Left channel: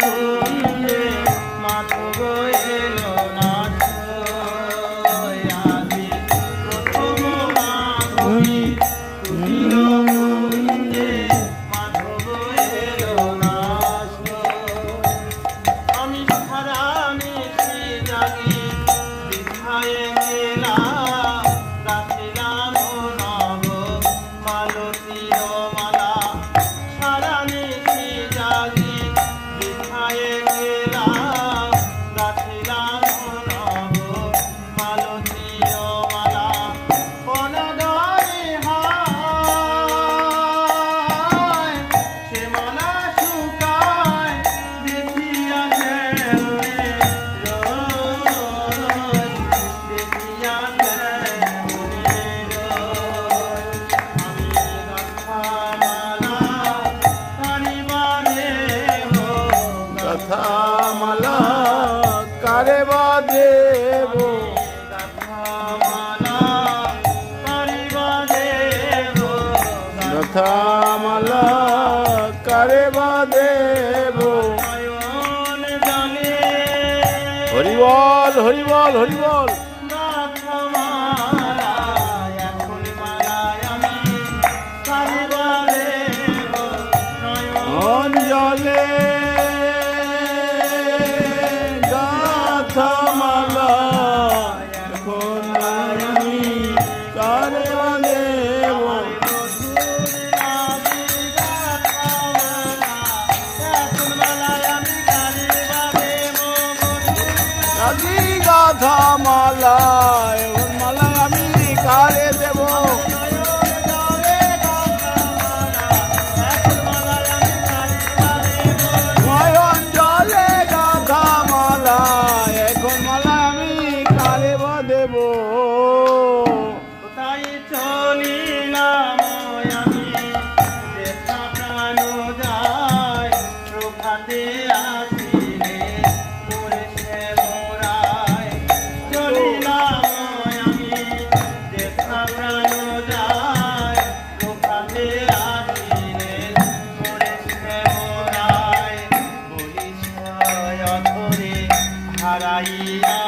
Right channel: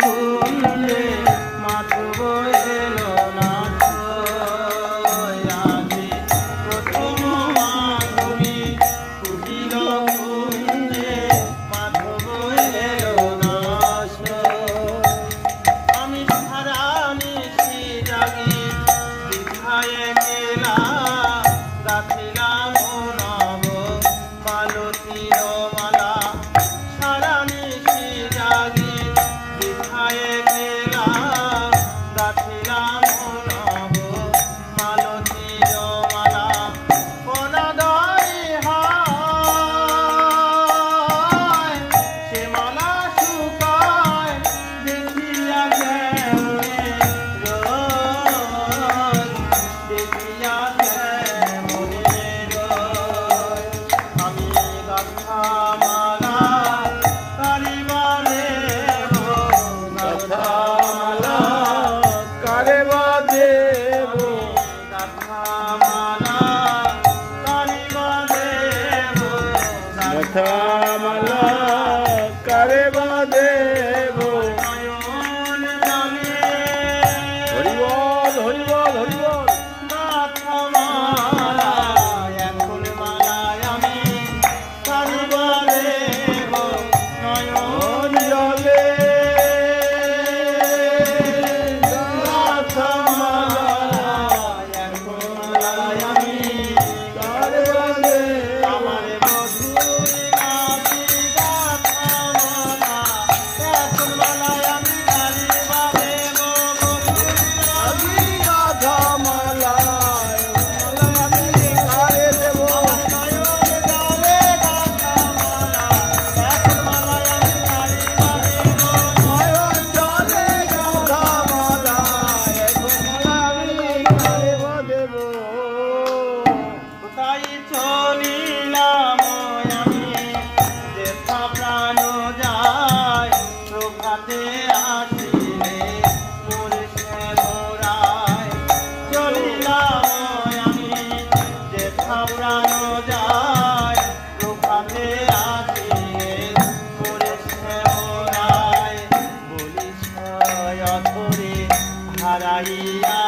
কুঞ্জে মাধব এলো না আজি প্রথম মাধবী কুটিল কুঞ্জে মাধব এলো না আমি সারা নিশি জাগি বিছায়ে গেলা গাছিলাম নব মালতীর মালা সারা নিশি জাগি বিছায়ে গেলা গাছিলাম নব মালতীর মালা বনদরি হয় সে মালা শুকায় দেখিয়া গেলে রোজ দেখিয়া গেলে রোজ আমি গাথামালা কারিবারে গাথামালা কারে বাদেব গাথামালা কারিবারে গাথামালা কারে বাদেব নয়ন জানে হরিবল হরিবল হরিবল গাথামালা এখন মালায় আমি কারিবারে নয়ন জলে গাথামালা এখন মালায় আমি কারে বাদেব আমার মধুর নাচি গাথামালা এখন মালায় আমি কারিবারে মধুর আজি গাথামালা মালা আমি কারে দেব নয়ন জানে গাথামালা এখন মালায় আমি কারিবারে নয়ন জলে গাথামালা এখন মালা আমি কারে বাদেব কোথায় চলিলাম আমি দেখা প্রাণ যায় প্রভাতে আসিলে মোরে সে মোরায় চলিলাম আমি দেখা প্রাণ যায় প্রভাতে আসিলে মোরে সে মোরায় বলিস অধরে হারাইয়া